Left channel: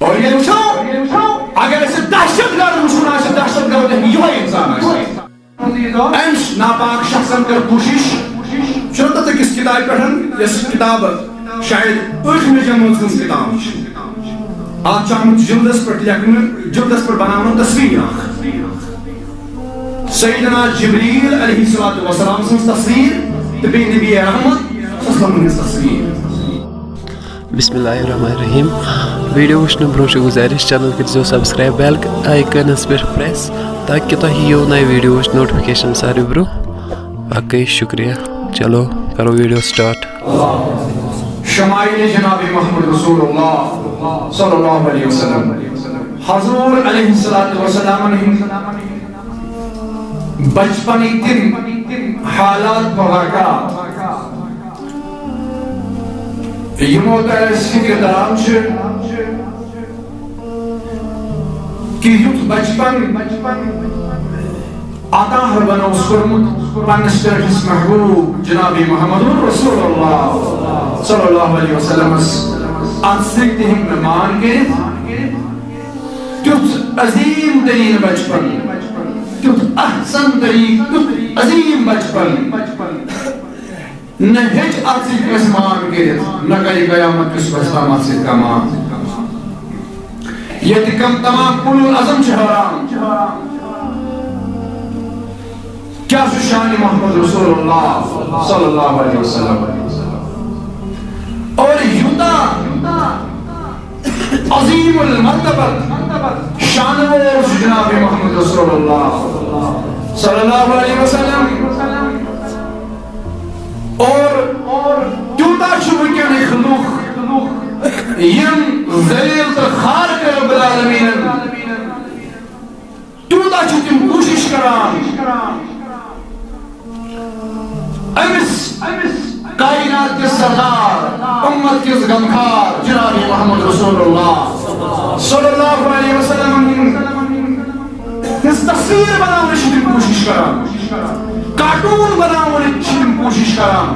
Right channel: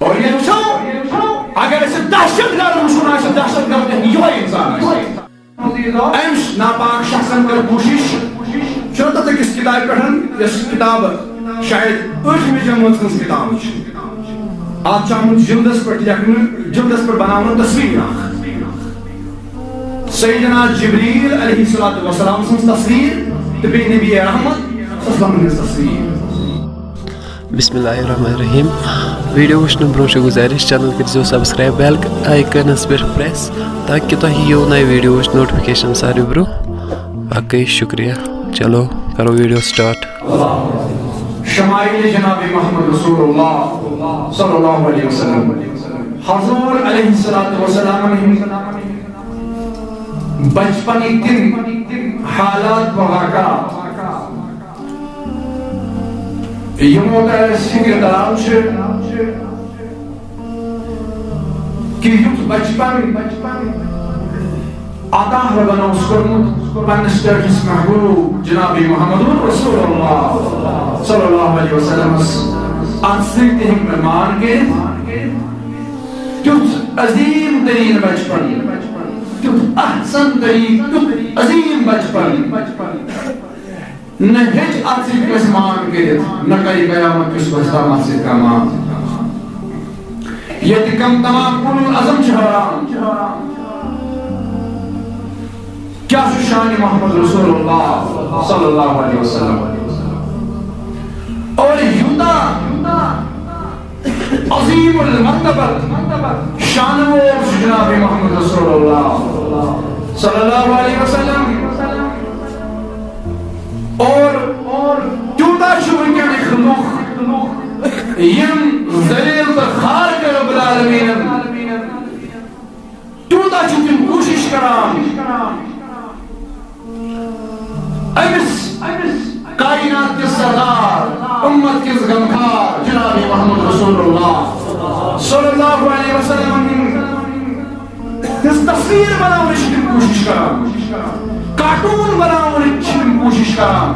اور یہ وچھو اگر اسے دہشت گرد وچھنا ہے دہشت گرد یہ انسان ہے امس ناپاک شخصن کر کوشش چھوٹا تک اس کتاب پڑھن اس کتاب شاید 8ویں جماعت ہنز کتاب آج چاہمت جلدس پر لیکن جلدس پر بناون تصویر سیدنا جبریل علیہ السلام سن تصویر تبی نبی رحمت صلی اللہ علیہ وسلم تصویر. بسم اللہ الرحمن الرحیم. ویڈیو وچھنے برونٛہہ چھِ گزارش چینل کٔرۍزیو سبسکرایب بیل آیکَنس پٮ۪ٹھ پریس تاکہِ تۄہہِ یِیو نَیہِ ویڈیوٕچ نوٹفکیشن ساروی برونٛہہ. باقٕے شُکریہ. چلو کرو ویڈیو سٹارٹ. شمائل جناب محمد رسول اللہ صلی اللہ علیہ وسلم حضور علیہ السلام نے بچپن تم حالات واقعات یمو فکر دار کہ یت بچپن عطا بنوس کورمت پنس پیٹس محبوب جناب محمد رسول اللہ صلی اللہ علیہ وسلم ات سم مان گرت تیت عظیم ترین بچپن تیت احسن ترین تیت عظیم بچپن نہ ہچ ات سس مان گرت نہ کر قیامت کس بچتام ات ست کمان یہ کم تمام کل عظم حرام کیا شان محمد رسول اللہ صلی اللہ علیہ وسلم اور یوتا عظیم المرتبت شانور جناب محمد رسول اللہ صلی اللہ علیہ وسلم اور تیوتا ونکن خلوق یم ذلیل تو خار کے رب العالمین تیوتا تم کوشش کران امس کائنات کے سردار امت کے غمخار جناب محمد رسول اللہ صلی اللہ علیہ وسلم تصویر بنانے کی کوشش کران کارٹون بنانے کی کوشش کران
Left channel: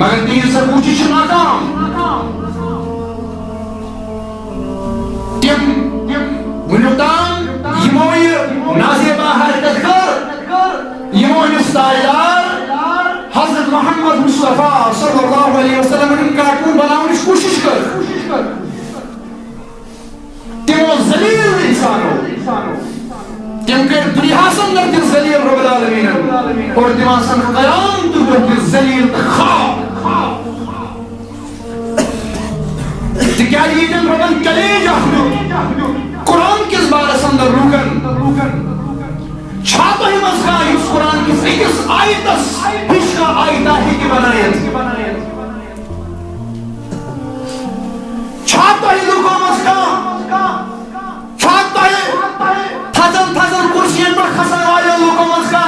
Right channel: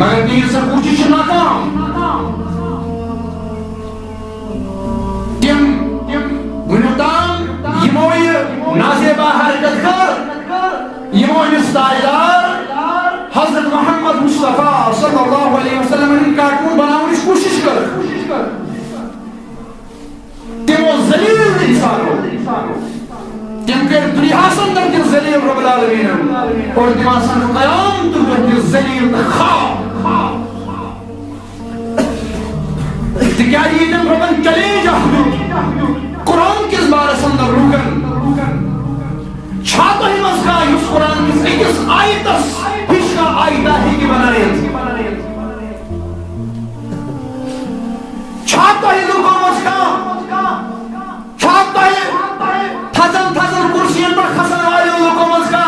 مگر دیر سے کوشش ناکام تم ونیتان یموی نازیبا حرکت کر یموی ستائلار حضرت محمد مصطفیٰ صلی اللہ علیہ وسلم نے کارٹون بنانے کی کوشش کر تمو ذلیل انسانوں تم کر دنیا سندر کے ذلیل رب العالمین اور تم آسان قیام تو کر ذلیل خواب کیا یہ تم ربن کلیج قرآن کس بار سندر روکن چھاتا ہی مزگا اس قرآن کی ایکس آیتس ہشکا آیتا ہی کی بنایت چھاتا ہی لوگوں مزگا چھاتا ہی تھزن کرسیاں پر خسن والے لوگوں مزگا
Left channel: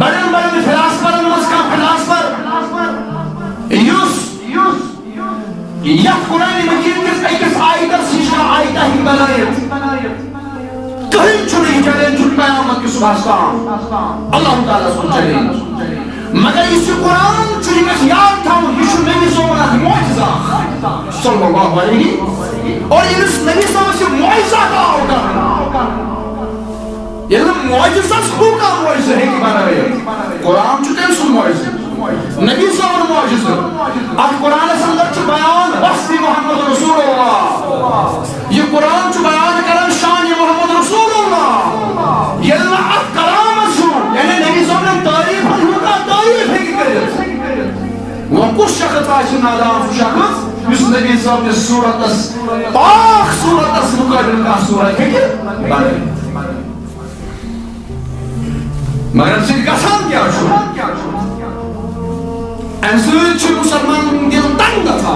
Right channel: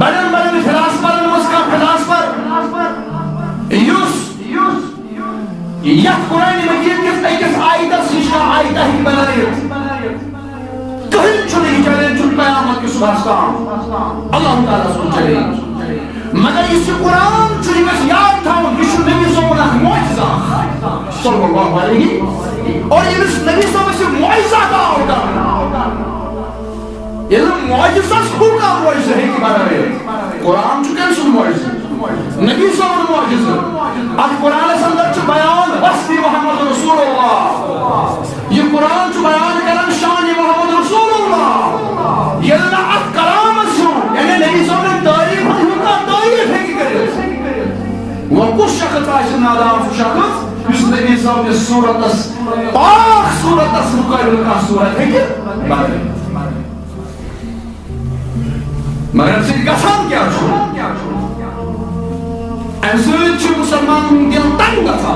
بڑن فلاسفر مزگا فلاسفر یوس یک قرآن مجید کس ایکس آیتس ہشکا آیتا ہی بنایت کہیں چھنے چلیں چھو قیامت کی صبح اللہ تعالیٰ سن چلیں مگر اس قرآن چھو جگہ یاد تھا یہ چھو نبی صلی اللہ علیہ معجزہ صلی اللہ علیہ اور یہ نبی صلی اللہ علیہ وسلم معجزہ کا ہوگا یہ معجزہ کا معجزہ ہے کہ بارے ہے قرآن چھو کم معجزہ نبی صلی اللہ علیہ معجزہ اب قرآن سندر چھو بیان وصفی محمد رسول اللہ یہ قرآن چھو بیان کرن شان محمد رسول اللہ یہ ات کلام چھو یعنی نبی صلی اللہ علیہ تعریف ہنکا تعریف ہے کہ کرے وہ کس شخص آئیسن آدام شخص اس نبی صلی اللہ علیہ صورت پاک صورت مقابل کا صورت ہے کہ بنے مگر ان سے گسان کیا چھو امسوچ مسلمان دل تنگ تھا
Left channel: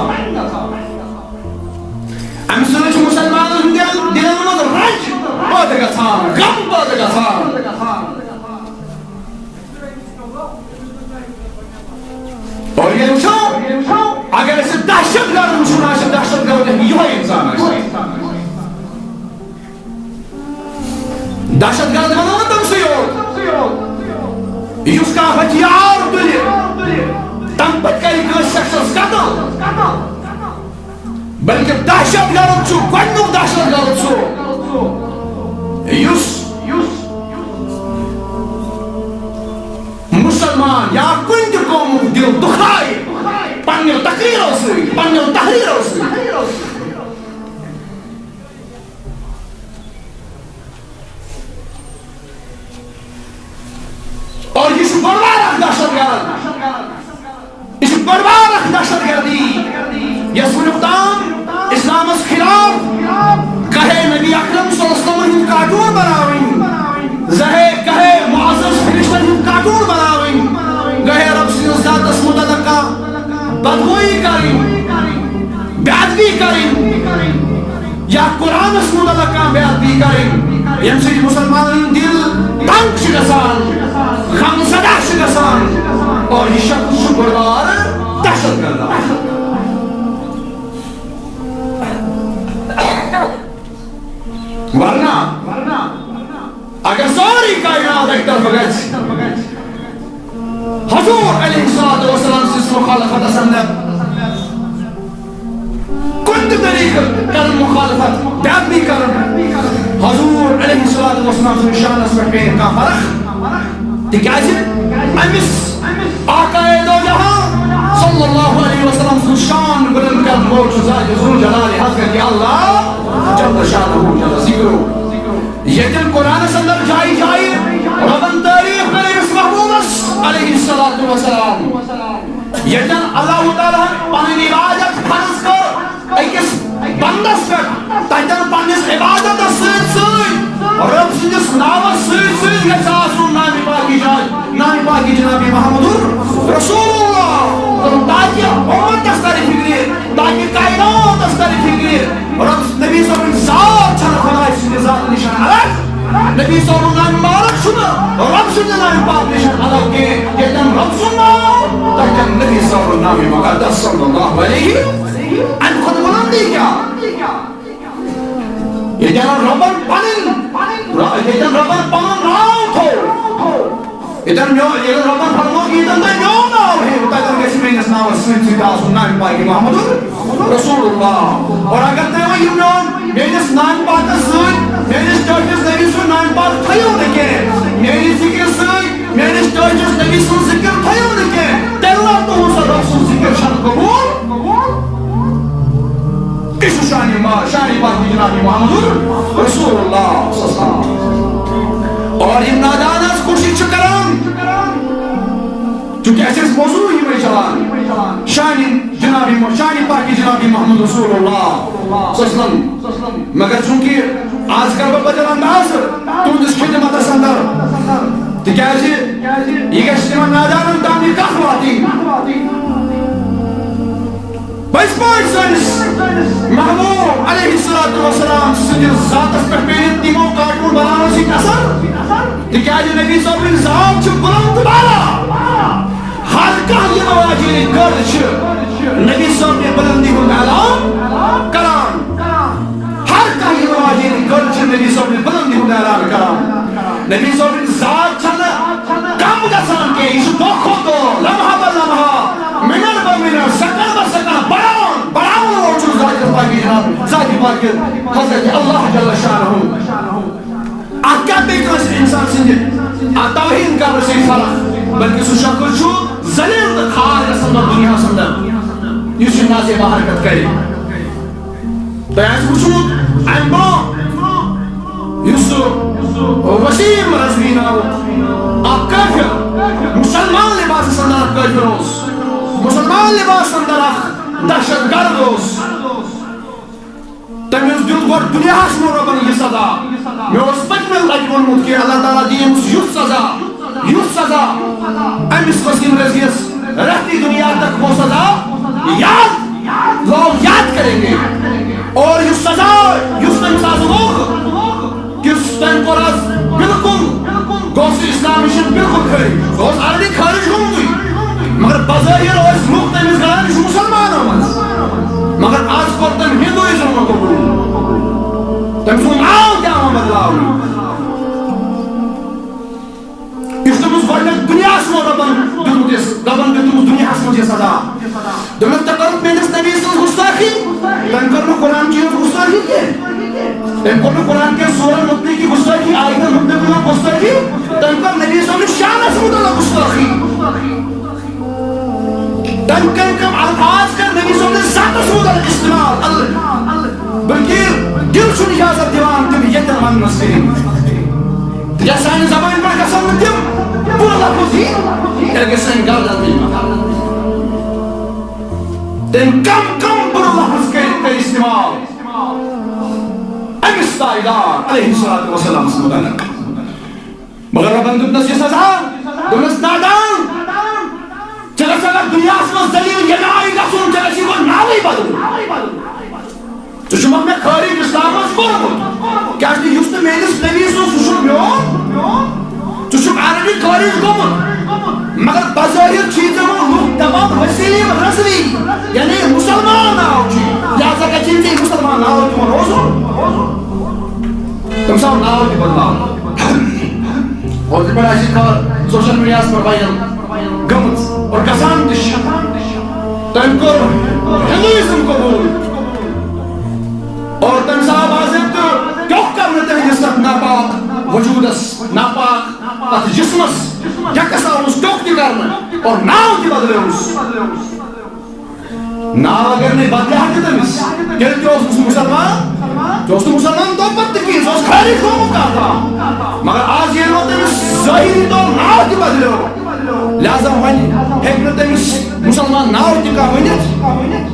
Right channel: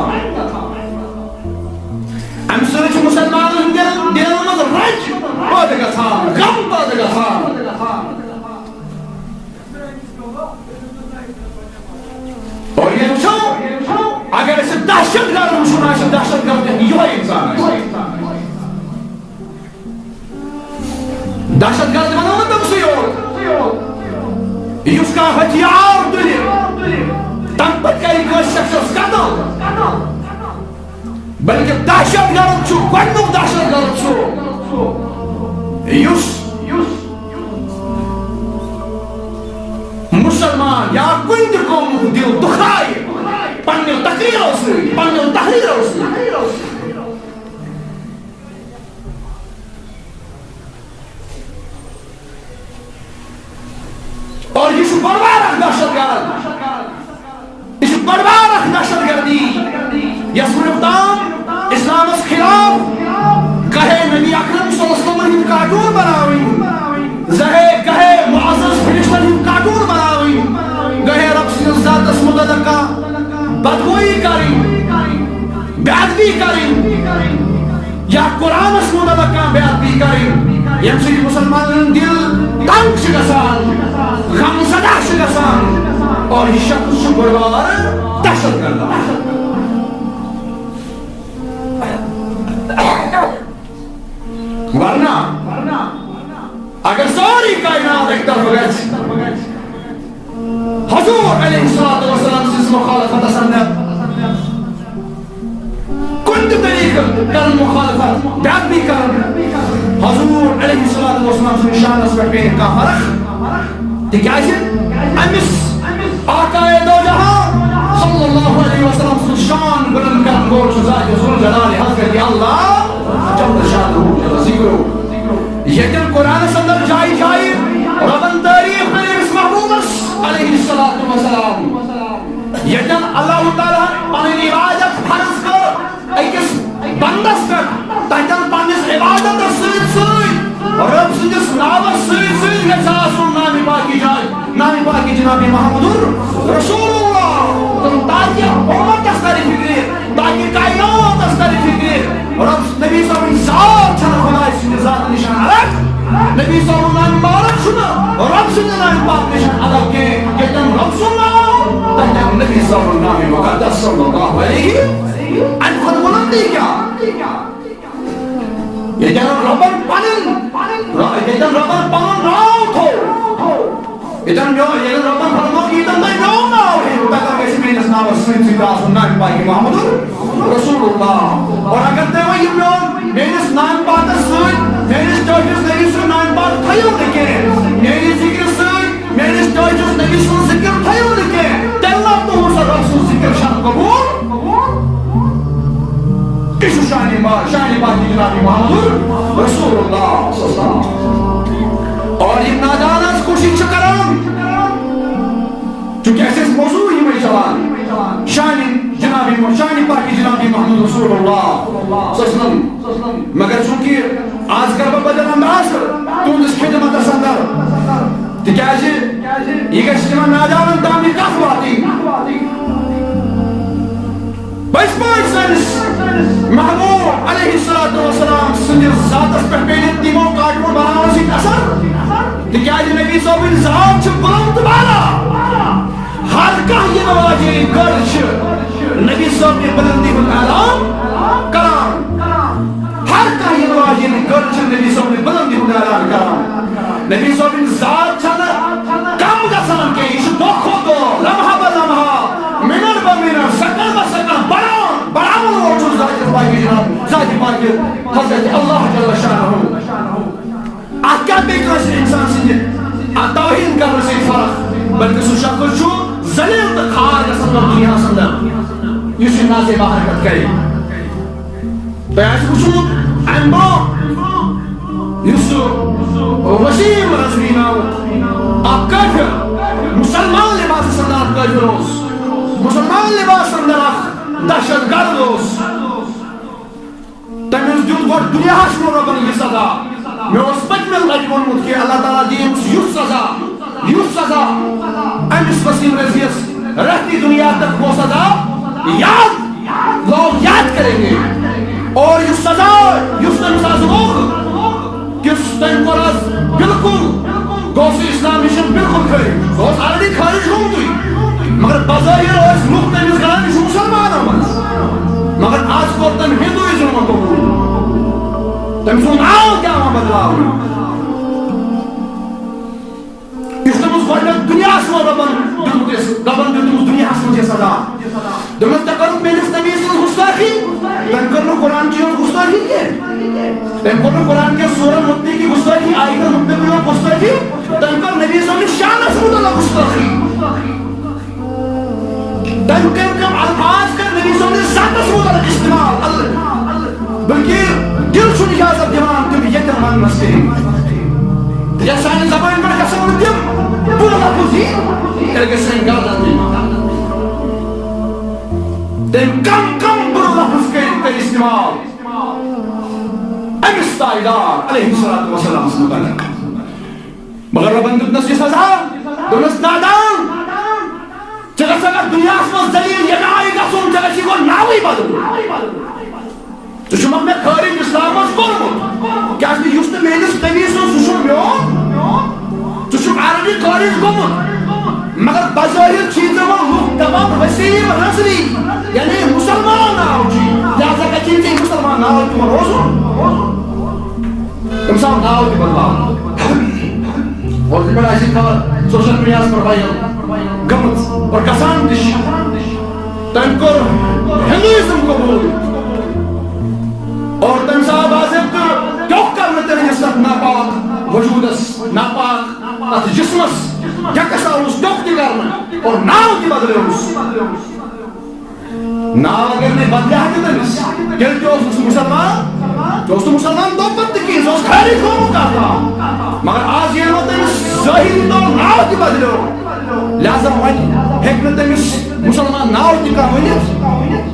امسوچ مسلمان دل مز رج پاد گژھان غم پاد گژھان اور یہ وچھو اگر اسے دہشت گرد وچھنا ہے دہشت گرد یہ انسان ہے دہشت گرد بنانا تم سے ہو اس کا ہتھیار تلے تم پت کری کوئی شخص قتل بلکہ دہشت گرد گۄڈنیُک دہشت گرد سُہ یُس مسلمان یا کُنہِ تہِ قومُک دِل دُکھایہِ پننیو تقریرو سۭتۍ پننیو تحریرو سۭتۍ. اور یہ بڑ بار اکھ دہشت گرد، یہ بڑ بار اکھ دہشت گردی یس ونیُک تام اسلامس خلاف کہے نبی اکرم صلی اللہ علیہ وسلم ہند کارٹون بناوٕنۍ، کہے معزز فرشتن ہند کارٹون بناوٕنۍ، گہے رب سٕنٛدِس ذاتس متعلق کانٛہہ بدگوئی کرٕنۍ، بے ادبی کرٕنۍ یا قرآنس متعلق کانٛہہ بے ادبی کرٕنۍ ییٚمہِ سۭتۍ مسلمانن ہُنٛد دل تنگ چھُ گژھان، غم زدہ چھُ گژھان. اور یہ شخص چھُ بوٚڑ بار دہشت گرد. ورنہ اگر ساری کائنات ایک طرف گژھِ حضور علیہ السلام سٕنٛز مخالفتس اندر کُنہِ تہِ طریقہٕ کرن مخالفت بے ادبی کرن، حضور علیہ السلام سٕنٛدِس شانس پٮ۪ٹھ پیٚیہِ کانٛہہ فرق، تِکیٛازِ أمِس آقائے دو جہاں صلی اللہ علیہ وسلم سُنٛد شان بلند کرن وول چھُ ذاتِ ذوالجلال حضرت اللہ جل شانہ جل ذکرہ. ییٚتٮ۪ن قرآنس اندر جایہِ جایہِ ربن تعریف کرِ أمِس محبوبس علیہ السلام، ییٚتٮ۪ن اللہ تعالیٰ پنٕنۍ عبادت فرض کٔر أکِس بندس پٮ۪ٹھ، تتٮ۪ن پننِس عبادتس سۭتۍ سۭتۍ رب سٕنٛدِس ناوس سۭتۍ سۭتۍ گژھِ آسُن نامہِ پاکی جان، نامہِ پاکی جناب محمد رسول اللہ، تاکہ امتس ترِ فکرِ، تاکہ کائناتس ترِ فکرِ رب نبی صٲبٕنۍ ذات چھنہٕ خداے سٕنٛدِ ذاتہٕ نِش الگ، نبی صٲبُن نامہِ مبارک چھُنہٕ رب سٕنٛدِ نامہِ پاک نِش الگ کینٛہہ. ییٚتٮ۪ن رب سُنٛد ناو تتٮ۪ن نبی صٲبُن نامہِ مقدس صلی اللہ علیہ امہِ کھۄتہٕ بُلندی کیٛاہ؟ ییٚتٮ۪ن ربن پنُن ناو تھوٚو، ییٚتٮ۪ن ربن فرموو ییٚتٮ۪ن تُہۍ میون ناو ہیٚیِو تتٮ۪ن گژھِ میٲنِس ناوس سۭتۍ سۭتۍ آسُن نامہِ پاکہِ محمد رسول اللہ. اور اگر تُہۍ وۄنۍ یہِ میٲنِس نامہِ پاکس سۭتۍ میٲنِس ٹٲٹھِس نبی سُنٛد نامہِ پاک تھٲیِو نہٕ کینٛہہ، میٲنِس ذِکرِ سۭتۍ میٲنِس ٹٲٹھِس نبی سُنٛد ذِکر تھٲیِو نہٕ کینٛہہ، تیٚلہِ نہ تُہُنٛد سا رب سُنٛد ذِکر چھنہٕ قبوٗل. یہِ چھُ شانہِ پاکی جناب محمد رسول اللہ. اور یِم نادان حظ کوٗشِش چھِ کران چونکہ اَسہِ ٲسۍ موضوٗع یِمے چلان شانہِ پاکی جناب محمد رسول اللہ، مگر چونکہ آز کر بہٕ بدل انداز تُہنٛدِس خدمتس اندر، تِکیٛازِ یہِ گژھِ تِمن نادانن تام یہِ کتھ واتٕنۍ. پٔزۍ پٲٹھۍ سٲنِس محبوب علیہ السلام سٕنٛدِس ذاتس پٮ۪ٹھ پیٚیہِ نہٕ تِمو کارٹوٗن بناونہٕ سۭتۍ اثر، تِکیٛازِ نبی صٲبٕنۍ ذات چھِ بُلند تہٕ بالا. ہر کانٛہہ یِنہٕ واجیٚنۍ گٔر چھِ نبی صٲبنہِ بُلندی ہُنٛد اعلان کران، ہر کانٛہہ یِنہٕ واجیٚنۍ گٔر چھِ نبی صٲبنہِ بُلندی ہُنٛد اعلان کران. نبی صٲبٕنۍ ذات چھنہٕ کم گژھان کینٛہہ، یہِ چھُ دۄہ کھۄتہٕ دۄہ لمحہ بہ لمحہ منٹ بہ منٹ سیکنڈ بہ سیکنڈ بڑاوُن وول چھُ ذاتِ پاکہِ جناب ذاتِ پاکہِ حضرت اللہ جل شانہ. اتھ کیٛاہ پیٚیہِ کٲنٛسہِ انسان سٕنٛدِ توہیٖن کرنہٕ سۭتۍ فرق، بلکہ سُہ شخص چھُ ذلیل تہٕ کھار گژھان پتہٕ دُنیاہس اندر یُس یہِ نازیبہ حرکت کرِ. تۄہہِ آسہِ وٕچھمُت امہِ برونٛہہ یُس سُہ وسیٖم رضوی ناوُک اکھ کٲفِر مسلمان لباسس اندر اکھ کٲفِر اوس، مسلمان لباس اندر اکھ دہشت گرد اوس. تٔمِس دیُت گۄڈٕ دُنیاہس منٛز رۄبن یہِ سزا. مےٚ اوس پٔتمہِ لٹہِ ووٚنمُت کہِ اللہ تعالیٰ دِیہِ أمِس یُتھ سزا أمِس وسیٖم رضویَس رہتی دنیا تک وہ سزا لوگ یاد کریں گے. اور یُس سزا یُس تٔمِس آز لوگ یُس تٔمۍ کوٚر آز بالکل گوٚو سُہ اسلام نِش بالکل خٲرج، سُہ اوس آلریڈی خٲرج گوٚمتُے، مگر بظٲہِر ٲسۍ لُکھ تٔمِس گَران یہِ چھُ مُسلمانو منٛز، مگر آز کوٚر تٔمۍ ہندوٗیزم قبوٗل، تٔمۍ سُنٛد ناو تہِ آو بدلاونہٕ. یُس تٔمِس گۄڈنیٚتھ دُنیاہس منٛز رۄبن دیُتمُت دُنیاہس منٛز یہِ سزا دوٚپمَس ژےٚ کٔرٕتھ میٲنِس نبی سٕنٛز گُستٲخی تٔمۍ کٔر نہٕ قرآن چی ہٕنٛز گُستٲخی کینٛہہ تٔمۍ کوٚر نہٕ قرآن کٮ۪ن سورن مُتعلِق گُستٲخی آیتن مُتعلِق گُستٲخی تٔمۍ کٔر نبی صٲبنِس شانس مُتعلق گُستٲخی تٔمۍ کٔم الفاظ کٔر نبی صٲبنِس ذاتس مُتعلق استعمال بلکہ دل چھُنہٕ اجازت دِوان تِم ییٚتٮ۪ن وننس کِہیٖنۍ یا سانہِ زبٲنۍ پٮ۪ٹھ گژھن نہٕ تِم بُرٕ لفظ یِنۍ تیٚلہِ گژھِ سٲنۍ گردن دِنۍ تٔمۍ کم بُرٕ لفظ کٔرۍ استعمال أمِس تاجدار علیہ الصلوۃ والسلامَس مُتعلق مگر رۄبن دیُتنس یہِ سزا دوٚپنس نادان ژےٚ گژھِ اگر دُنیاہس منٛز ذلیٖل یَنایہِ گژھُن ژےٚ گژھی گۄڈٕ ناوٕے بدلُن ژٕ چھُکھ مےٚ خٲرج اسلام منٛز کوٚرمُت کیازِ یُس نہٕ میٲنِس نبی سُنٛد سُہ چھُنہٕ میون ژٕ چھُکھ آلریڈی خٲرج گوٚمُت مگر بظٲہر چھی ژےٚ وۄنۍ لُکھ دپان وسیٖم رضوی یعنی مُسلمان ناو چھُ لہذا گژھی ژےٚ مُسلمان ناو تِمن روزُن تٔمِس آو ناو تہِ بدلاونہٕ اور تَمہِ پٮ۪ٹھ آسہِ خبر سوشل میڈیاہس پٮ۪ٹھ وایرل گٔمٕژ اور گژھان تہِ چھِ تٔمۍ کوٚر ہندویزم قبوٗل اور تٔمِس آو باضٲبطہٕ ٹیوٚکھ کرنہٕ تٕہنٛدِس تتھ ناپاک وجوٗدس ناپاک تتھ جسمس یکس آوُس ٹیوٚکھ تہِ کرنہٕ اور ناو تہِ بدلٲوُس ناو اگر نہٕ بدلہِ ہا تہِ تٔمِس تیٚلہِ تہِ اوس سُہ مُسلمان تہِ اوس نہٕ مُسلمان دۄہ پتہٕ تہِ کِہیٖنۍ سُہ اوس خٲرج گوٚمُت کتھ تام مگر آز ییٚلہِ وۄنۍ تٔمِس ظٲہری طور ناو تہِ بدلیو لہذا وۄنۍ ہیٚکہِ نہٕ تٔمِس مُسلمان ناو تہِ کانٛہہ ؤنِتھ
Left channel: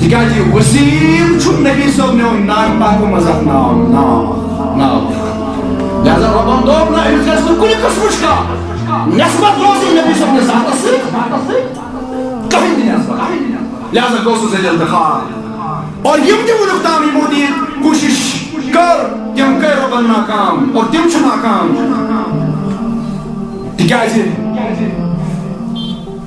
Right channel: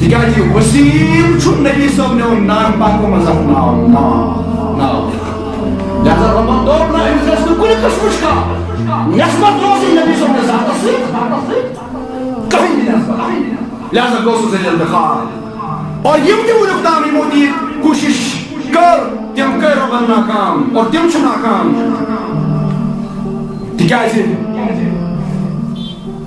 تِکیازِ وسیٖم چھُ نبی صٲبنیو نام پاکو منٛز اکھ ناو لہذا رۄبن دوٚپ نہ أمِس گژھِ نہٕ کُنہِ قٕسمٕچ کانٛہہ نٮ۪سبت روزٕنۍ نبی صٲبنِس ذاتس سۭتۍ کٕہٕنۍ تہِ نٮ۪سبت لہذا گوٚو سُہ ذٔلیٖل تہٕ خوار اور یِم تہِ وُنیُک تام یِمو تہِ ییٚتہِ کوٗشش کٔر تِم کٔرۍ رۄبن ناکام اور تِم چھِ ناکام تِکیازِ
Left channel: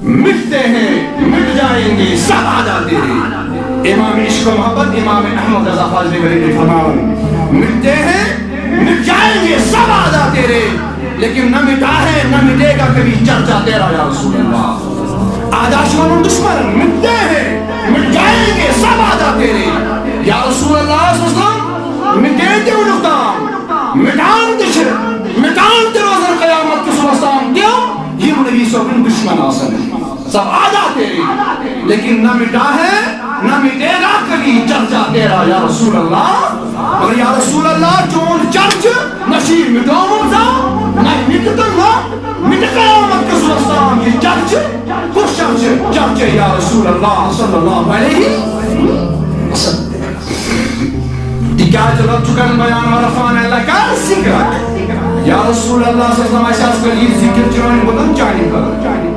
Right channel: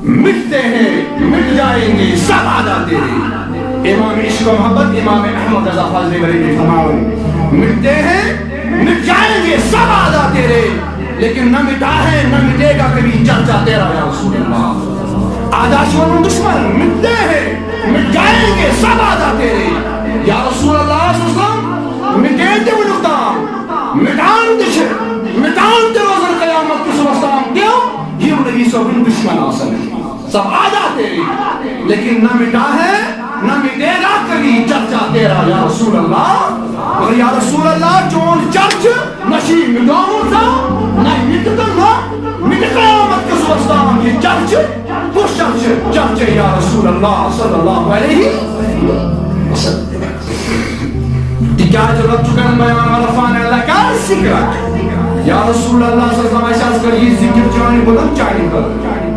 مٹتے ہیں مٹ جائیں گے سب عادات تیرے امام عشق و محبت امام احمد رضا خالد بریلوی فرماؤ مٹتے ہیں مٹ جائیں گے سب عادات تیرے لیکن نہ مٹا ہے نہ مٹے گا کبھی چرچا تیرا یا رسول اللہ عادات دشمن مٹتے ہیں مٹ جائیں گے سب عادات تیرے یا رسول اللہ صلی اللہ علیہ وسلم مٹے تہِ وُنیُک تام مٹان تہِ چھِ مٹان تہِ روزن قیامت کِس دۄہس تام تِم یِم نبی صٲبٕنۍ دشمن آسن سب عادات تیری لیکن نہ مٹا ہے نہ مٹے گا کبھی چرچا تیرا یا رسول اللہ مگر یا رسول اللہ چون چرچ نہ چھی مٹومُت زانٛہہ نہ مٹہِ تہٕ نہ مٹہِ قیامت کِس دۄہس تام یہِ چرچ کُس چرچ چرچے یا رسول اللہ صلی اللہ علیہ وسلم تِکیازِ رۄب چھُ کران بیان ورفعنا لَکَ ذِکرَک یا رسول اللہ صلی اللہ علیہ وسلم اَسہِ حظ کٔر یہِ ذِکر چٲنۍ بُلند چانہِ خٲطرٕ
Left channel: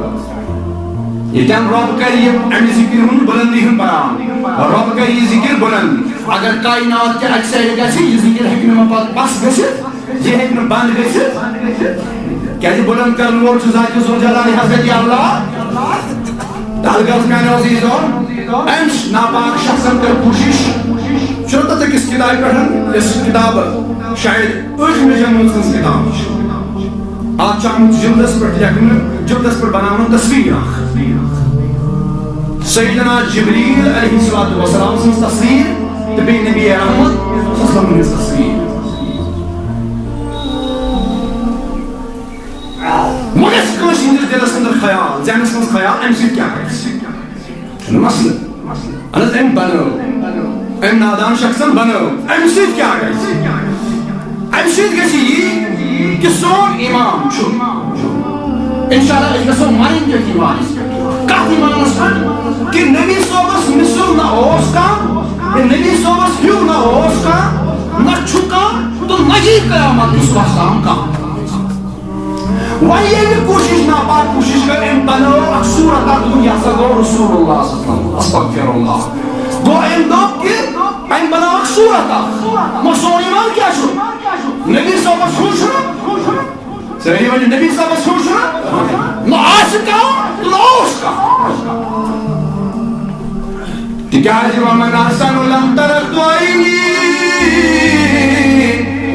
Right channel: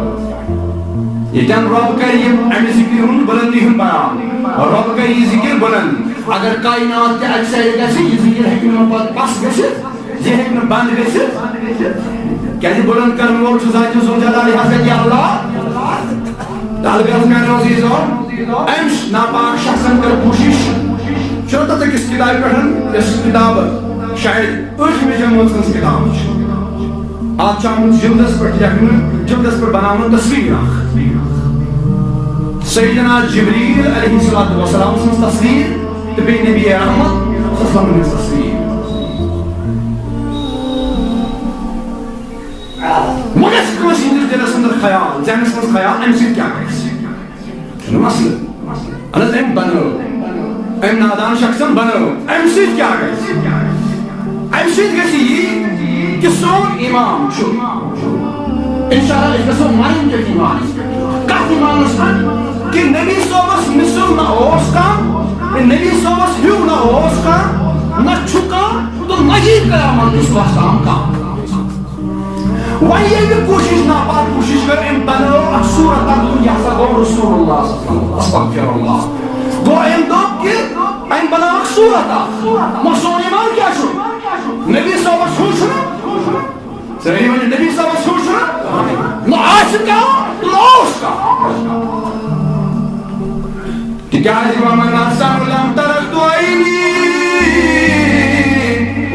ییٚتٮ۪ن رۄب کرِ یہِ اَمہِ ذِکرِ ہُنٛد بُلندی ہُنٛد بیان رۄب کرِ یہِ ذِکر بُلند اگر کاینات تہِ اَکہِ سایڈٕ گژھِ یہِ ذِکر ہیٚکہِ نہٕ وۄنۍ پتہٕ پس گٔژھِتھ یہِ ہیٚکہِ نہٕ بنٛد گٔژھِتھ کیازِ بُلند کرن وول چھُ ذاتِ ذوالجلالِ حضرت اللہ الغرض میانیو عزیزو أمۍ ناپاک شخصن کٔر کوٗشش چھُنہٕ تتھ أکِس کِتابہِ پٮ۪ٹھ یۄس کِتاب شاید ٲٹھمہِ جمٲژ ہٕنٛز کِتاب چھِ اتھ چھُ آمُت جلدس پٮ۪ٹھ لیکھنہٕ جلدس پٮ۪ٹھ بناونہٕ تصویر اکھ سیدنا جبریل علیہ الصلوۃ والسلام سٕنٛز تصویر تہٕ بیٚیہِ نبی احمد صلی اللہ علیہ وسلم ہٕنٛز تصویر وۄنۍ گژھِ کٲنٛسہِ ہٕنٛدِس دِلس انٛدر خیال ذہنس منٛز خیال امہِ سۭتۍ کیٛاہ گژھِ چھُنہٕ مسلہٕ اہن حظ أمۍ بنٲو أمۍ نادان شخصن بنٲو امہِ سۭتۍ کیٛاہ گژھِ امہِ سۭتۍ گژھِ یی کہ سون ایمان چھُ انشاءاللہ أسۍ گژھو مرٕنۍ تٔتھۍ ایمانس پٮ۪ٹھ کتھ ایمانس پٮ۪ٹھ کہ نبی صٲبس مِثل نہ اوس کانٛہہ نبی صٲبس ہیوٗ نہ اوس کانٛہہ نہ چھُ کانٛہہ تہٕ نہ یی قیامت کِس دۄہس تام کانٛہہ وۄنۍ ییٚلہِ کوٗشش ناپاک کوٗشش کٔر أمۍ بنٲو اکھ صوٗرت اکھ دوٚپُن یہِ ہسا گوٚو رسول اللہ صلی اللہ علیہ وسلم استغفر اللہ گوٚو أمۍ دوٚپ کہ أمۍ بنٲو اکھ صوٗرت اکھ مگر سون ایمان کیٛاہ چھُ نبی صٲبس ہیوٗ چھُنہٕ سٲری ؤنِو نبی صٲبس ہیوٗ چھُنہٕ نہ آسہِ کانٛہہ تہٕ نہ اوس کانٛہہ تِکیازِ ومن احسن لم ترقت عینی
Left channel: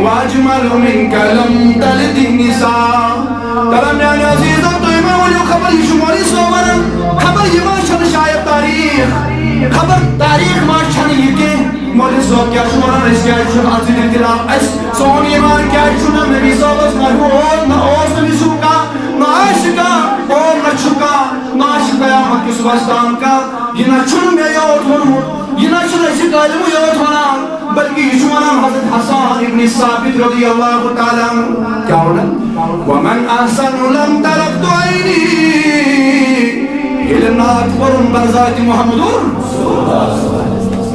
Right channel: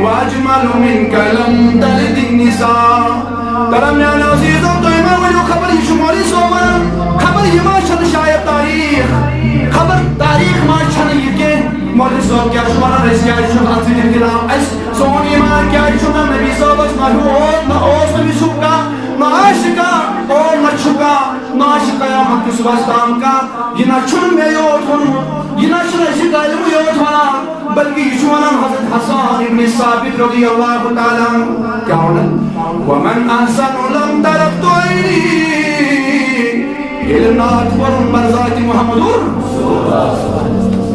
واجمل منک لم تلد النساء بلام میان عزیزو تو امام ونیو خبر یہ شمولی صوبرن خبر یہ ما چھن شاید تاریخ خبر تاریخ ما چھن یہ کہ مولی صوب کیا شمارن اس کیا چھن عزیز انتلاب اس سون ایمان کیا چھن نبی صوبت محلوط نہ اوز نبی صوب کا نہ عاشقا اوم نہ چھکا نہ عاشق قیامت کی صبح استام کا یہ نہ چھن میں یوت ونمو یہ نہ چھن عشق علم یوت ونان بلکہ یہ چھوانان حضرت حسان ابن ثابت رضی اللہ تعالیٰ کیا ہونا ومن احسن لم ترقت عینی یہ نات پرن برزات محمد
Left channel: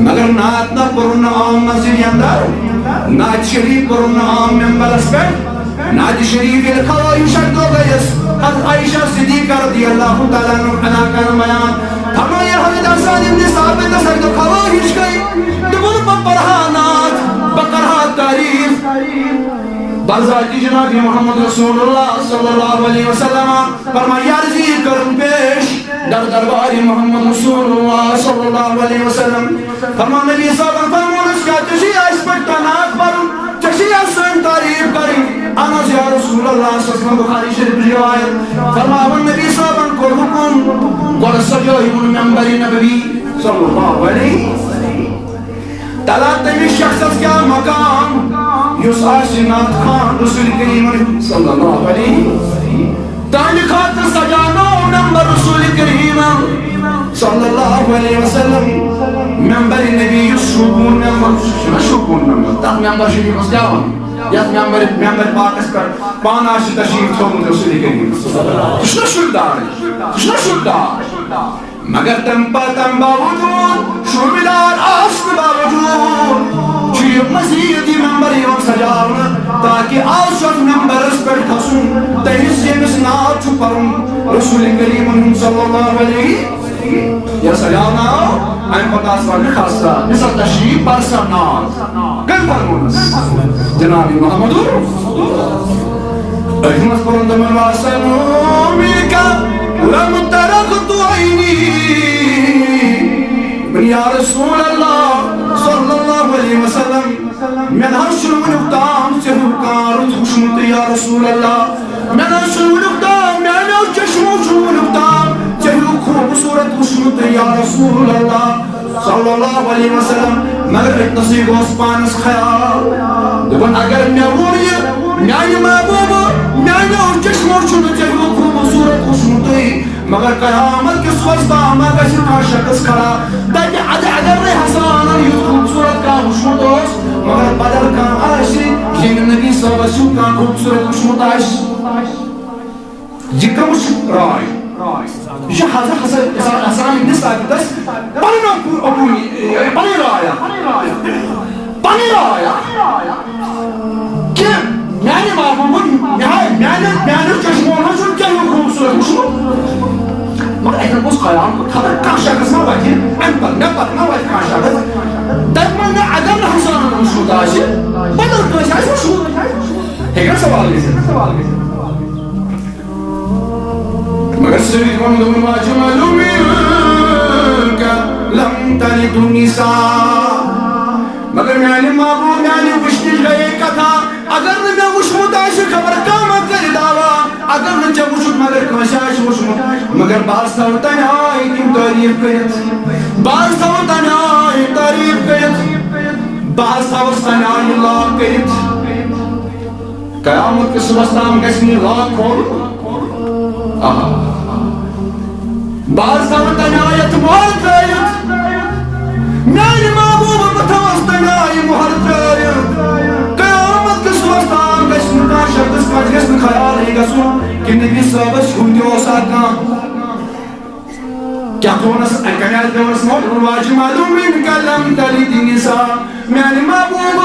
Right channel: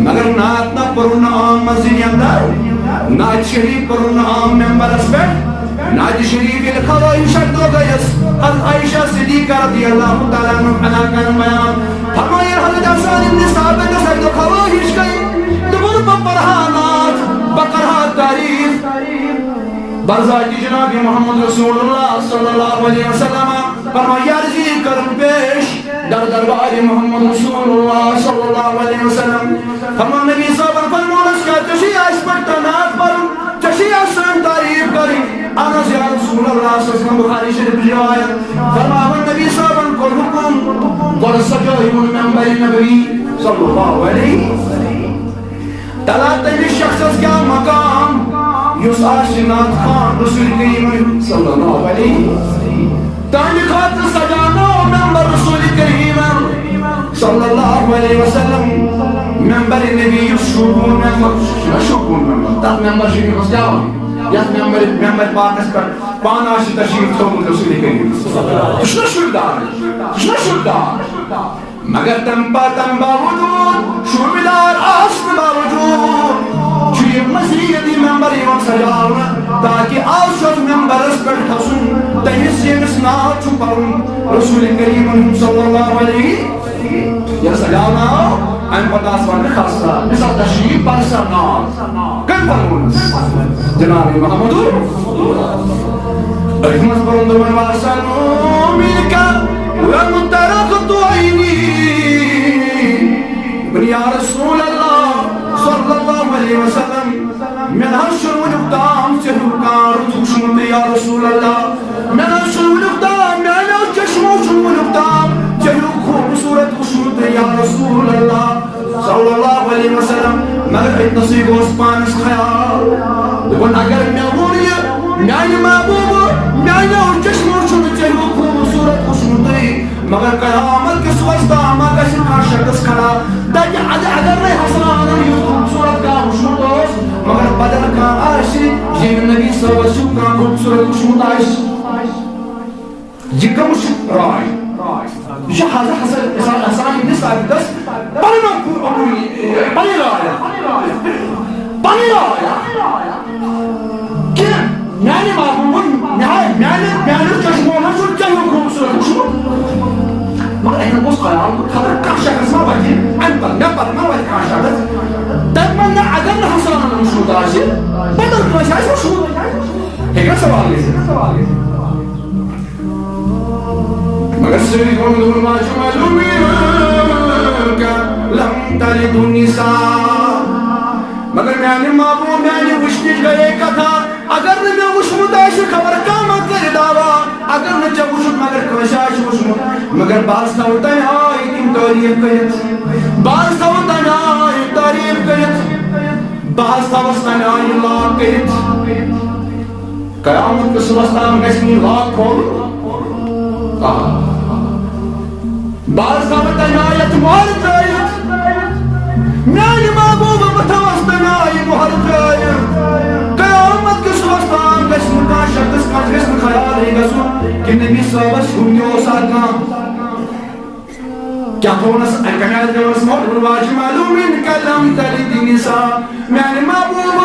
مگر نات نہ پرن عام مسجد اندر نات شریف پرن عام ممبر اسپیٹ نات شریف یہ خواہی شکت ہو گئیس حضرت عائشہ صدیقہ رضی اللہ تعالیٰ عنہ کا بیان فرمایا حضرت حسان ابن ثابت سکت خواہش گئی دبن بپرہانات بقرہا تعریف برزاتی جناب محمد رسول اللہ صلی اللہ علیہ وسلم فرمایا عرضی کرم پیش در دربار محمد رسول اللہ صلی اللہ علیہ وسلم فرمان نبی صاحب فرمانس کا چشی آئیس پڑتا نات پر چشی آسان تعریف کریں آناز یا رسول اللہ صلی اللہ علیہ وسلم بخاری شریف روایت فرمان نبی صاحب کو حکم گوڑ سجوئی من ممبر نبوی صلی اللہ علیہ تلا تیمی شخص کیا مقام یس آشنات خان رسول کریم صلی اللہ علیہ تانی خاطر سجانو ممبر رسول کریم صلی اللہ علیہ وسلم ممبر نبی یسوکون ممبر تاک ممبر شریف اس جاوان یا ممبر پاکس پر پاناش تشریف تھوکن رسول کریم کشنا شردار مگر تم باوجود شربدار آسن باوجود چوی مزیدی ممبر یون سجاونا تاکہ آسوت ممبر اس پر کھسن تیس یمس نات چو پرن رسول کریم صلی اللہ علیہ یا سجاونا این پتاس ورن خاصا مثل تشریف پرسر نات کن پرن جناب محمد احمد پرن دمن واسنو ملکا لم ترقت عینی من یا رسول اللہ صلی اللہ علیہ وسلم من ہر شنون اقدام سے حکار خوشمت یا رسول اللہ من ہر شنون اقدام میں نے چشمو شنون اقدام چہو خوبصورت خوشمت یا رسول اللہ صلی اللہ علیہ وسلم مگر اتنسی گوس پانس خیال دبن اگر میں وونی میانی محبوب میانی چشمو شنون چہو خوبصورت خوشمت مگر قیامت کے سوچتا مگر کا شخص کھڑا تاکہ اگر نہیں حسان یہ خوبصورت کا خوشمت ہوس مگر بدل کا آشی یہ نبی صلی اللہ علیہ وسلم کا خوبصورت خوشمت آش یہ کمش رائے یہ حضرت حسان ابن ثابت پانی رائے کہ میانی معلوم میانی چشموں میں جو کیا ہوں خوبصورت خوشمت مگر احنا بس خیال خبر کان شخص ما وجه انبر نبر ما وجه کان شخص دائما عدم حسن المشهود عاشي بدل ما جاي مشهود هيك سوال لي مگر سيكون دون ما جمل منك لم تلد النساء مگر میانی معبود میانی وشنش گئے کتھا اگر میں وشمت آشی خبر کامت کر دعوا اگر نہ چا وشت مگر کوشاش وشمت مگر باز تھا تن آئی تم تعریف کرت باز تھا تن آئی تعریف کرت باز تھا تن آئی لاکھ کرت قیامت کے صبح تام گژھنی لاکھ کھول باز تھا تن آیت مہر ترٲیِتھ میانی محبوب بتھوس تن آئی مہر ترٲیِتھ قیامت کے صبح تام گژھنی کا شخص مجھ گژھن خیال ہی گژھن کہ نبی صاحبس ہوں تہِ اوس کانٛہہ کیا تھونس کمہِ آیہِ تھونس واجمل منك لم تلد النساء میانہِ محبوب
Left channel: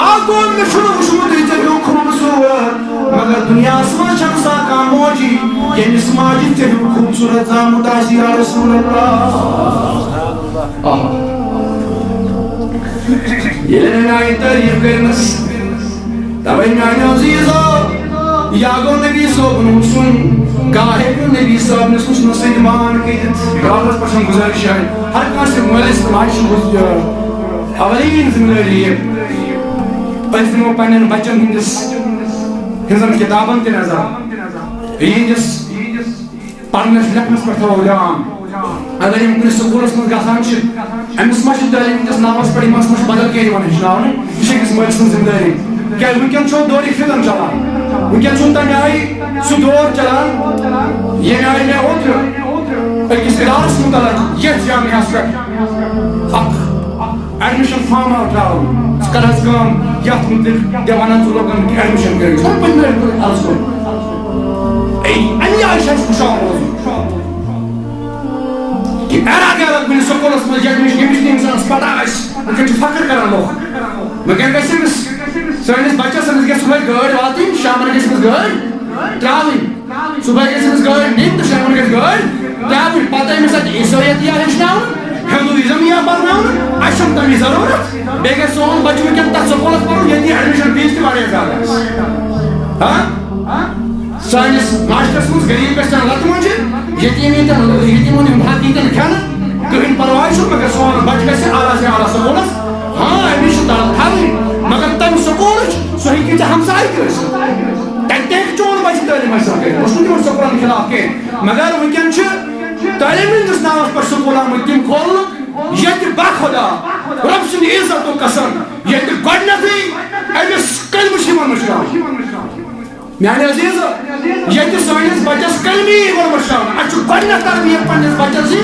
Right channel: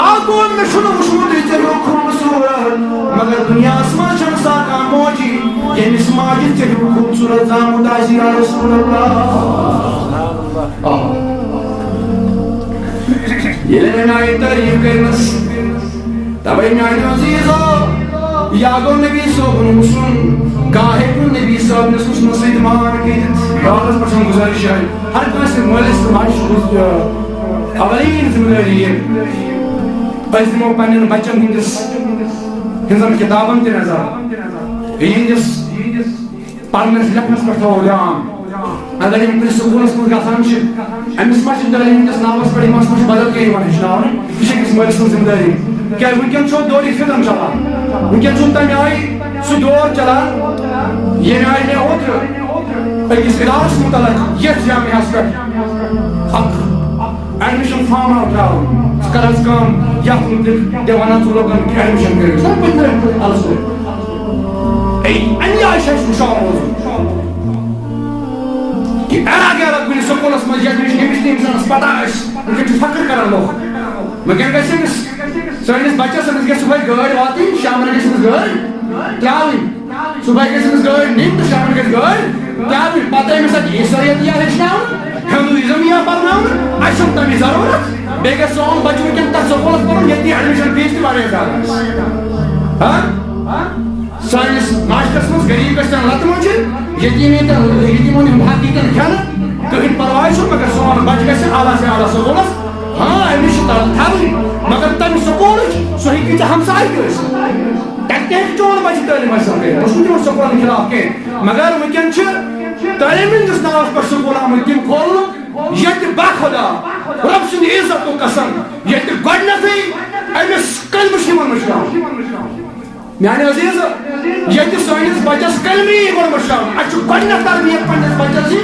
آگون مےٚ چھُنہٕ وُچھمُت ژےٚ ہیوٗ خوٗبصوٗرت مگر دُنیاہس منٛز چھنہٕ سا کانٛہہ موجی ییٚمِس ماجہِ ژےٚ ہیوٗ خوٗبصوٗرت زامُت آسہِ یا رسول اللہ ییٚلہِ مےٚ آیہِ تعریٖف کٔرمٕژ تَوَے میانہِ عزیٖزو یا گوٚو نبی صٲبُن حُسُن کانٛہہ ہیٚکہِ نہٕ نبی صٲبنِس حُسنہٕ سۭتۍ مان کٔرِتھ گاوَس پٮ۪ٹھ چھَم گُزٲرِش یِہوٚے ہر کٲنٛسہِ مٲلِس تہٕ ماجہِ چھُ اولین ذمہٕ دٲری یہِ أسۍ دِمو پنٛنٮ۪ن بچن ہٕنٛدِس ہٕنٛزن کِتابن تہِ نظر یہندس پرنس لکھنس پہ تھو دھیان اگر یم کن سکولس من گژھان امس ما تعلیم ہندس ناوس پہ امس ما بدل کھانا ہچن یہ أکس مٲلۍ سٕنٛز ذمہ دٲری کیا ونکین چھو دور فتن چلان ونکین چھو تمہ آئی سہ دور چلان یمہ آئی مے اوتر أکس ادارس متعلق یتھ جامعہس پہ اخ ایڈمشن فارم آو تراون ثہ کر حظ کٲم یتھ متعلق دِ ونان ژٕ لوگن ایڈمشن کٔرِو سۄ پٔتمہِ لٹہِ عرض کوٚر امی آئی چھِ اَسہِ ہُشار روزُن کہ ایرا گیا کُنہِ سکوٗلس منٛز ییٚمِچ نہٕ اِنسانس پتہ آسہِ ونکٮ۪ن چھُ فخر کران لوگ ونکٮ۪ن گژھِ أمِس سٲنِس بچس أمِس گژھِ صبحٲے گٲڑۍ واتٕنۍ شامن گژھِ أمِس گٲڑۍ ترٛاوٕنۍ صبحٲے گژھِ أمِس گٲڑۍ نِنۍ تہٕ شامن گژھِ گٲڑۍ ترٛاوٕنۍ پتہٕ أمِس اَتہِ عیٖسٲیت یا ہیٚچھناونہٕ ہندوٗیزم یا پرناونہٕ اَسہِ چھُنہٕ تَمِچ ضروٗرت بیٚیہِ گژھِ سون بچہٕ ونکٮ۪ن تتھ سکوٗلس پرُن ییٚتہِ ایڈمشن فیٖس تہِ واریاہ زیادٕ آسہِ سٲنِس معاشرس منٛز غریٖب گژھن لتہٕ مۄنٛجہِ یتیٖمن ہُنٛد حق ییٖتن کھٮ۪نہٕ کٕہٕنۍ پرواے چھُنہٕ مگر سون بچہٕ گژھِ اعلیٰ سے اعلیٰ سکوٗلس ہاں أمِس چھِ تڑپ تھاوٕنۍ مگر تمہِ سکوٗلٕچ سُہ ہیٚکہِ ژےٚ ہمساے تہِ ٲسِتھ تتہِ تہِ ہیٚکہِ چون بچہٕ تعلیٖم حٲصِل کٔرِتھ بہٕ چھُس نہٕ تِمن سکوٗلن خلاف کینٛہہ مگر ونکٮ۪ن چھِ تعلیٖم ہٕنٛدِس ناوس پٮ۪ٹھ سکوٗل آمٕتۍ تِم کھولنہٕ ییٚتہِ باخۄدا رۄب سٕنٛدِ عزتُک قسم ییٚتہِ گۄڈنیٚتھٕے أمِس کلمہٕ چھِ یِوان مٔشراونہٕ میانہِ عزیٖز ییٚتہِ سٲنِس بچس کلمی گۄڈٕ مٔشراونہٕ اَسہِ چھُ گۄڈنیٚتھ تربیت پننِس بچس دِنۍ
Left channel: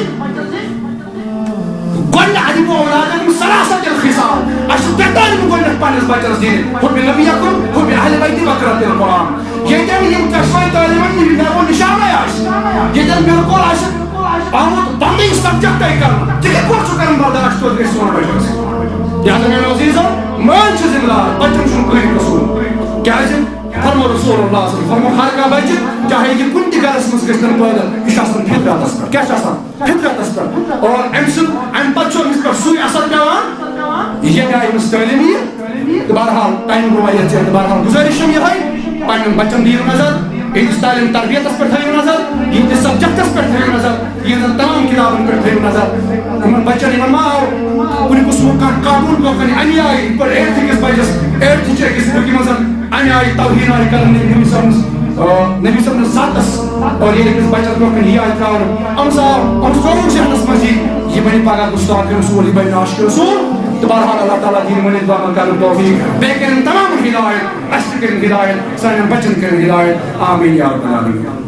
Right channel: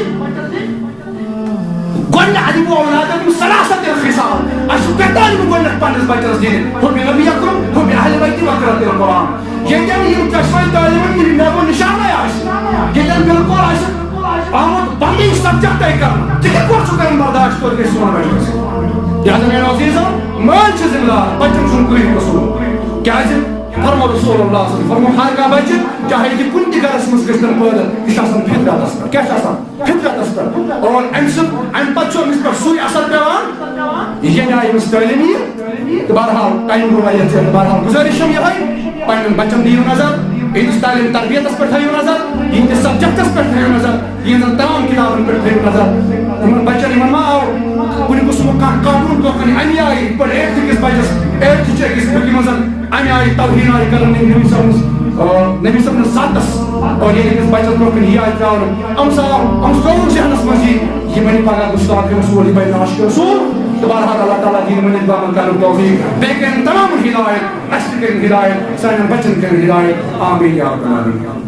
گۄڈنیٚتھ ادِبو اولادکُم سلاسۃ الخصال اَسہِ چھُ ترٛےٚ تعلیٖمہٕ گۄڈنیٚتھ پننِس بچس دِنہِ حُبہِ نبیکُم حُبہِ اہلِ بیتِ وقرۃ القرآن ییٚتٮ۪ن یِم دۄشوے تعلیٖمن نٮ۪بو نِشانٕے آسہِ ییٚتٮ۪ن بالکل آسہِ آمُت پنٕنۍ سبجکٹے کرنہٕ ژٕ کِتھ پٲٹھۍ چھُکھ کران برداشت توتہِ گژھِ سون بچہِ آسٕنۍ لہذا میانیو عزیٖزو مٲلۍ چھُ ذمہٕ دار بچن چھُنہٕ کٕہٕنۍ قصوٗر کیازِ فرمو رسول اللہ صلی اللہ علیہ وسلم فرمو ہر کانٛہہ بچہِ چاہے یہِ کُنہِ تہِ گرس منٛز گژھتن پٲدٕ یہِ چھُ آسان فطرتس پٮ۪ٹھ کیاہ چھُ آسان فطرتس پٮ۪ٹھ اور امہِ پتہٕ چھُ أمِس پٮ۪ٹھ سُے اثر پیٚوان ییٚمہِ آیہِ أمِس تعلیٖم یِیہِ تہٕ بہرحال ٹایم گوٚو واریاہ زیادٕ تہٕ بہرحال گُزٲرِش چھم یِہے پننٮ۪ن بچن دِیِو نظر یِہنٛدِس تعلیٖم تربیتس پٮ۪ٹھ تھٲیِو نظر یِہنٛدِس سبجکٹس پٮ۪ٹھ تھٲیِو نظر یِہنٛزن تمام کِتابن پٮ۪ٹھ تھٲیِو نظر یِمن بچن یِمن ما آو کُنہِ قٕسمُک کانٛہہ کارٹوٗن برونٛہہ کنہِ امہِ آیہِ یِتھ پٲٹھۍ ایٹتھٕ کِس بچس ایٹتھٕچ أکِس بُکہِ منٛز امہِ آیہِ توہیٖن آیہِ کران نبی صٲبنِس ذاتس اور ییٚلہِ أکِس بچس برونٛہہ کنہِ یہِ آیہِ ترٛاونہٕ أمِس ترٛووُکھ ذہنس منٛز یہِ بنہِ پگاہ گُستاخ رسوٗل یہِ بنہِ عاشقِ رسوٗل تہٕ بہرحال اللہ تعالیٰ دِیِن ؤنِتھ عمل کرنُک توفیٖق بیٚیہِ کٔرِنۍ تمامن ہدایت اَسہِ تہِ کٔرِنۍ ہدایت سانٮ۪ن بچن کٔرِنۍ ہدایت آمیٖن یا رب العالمیٖن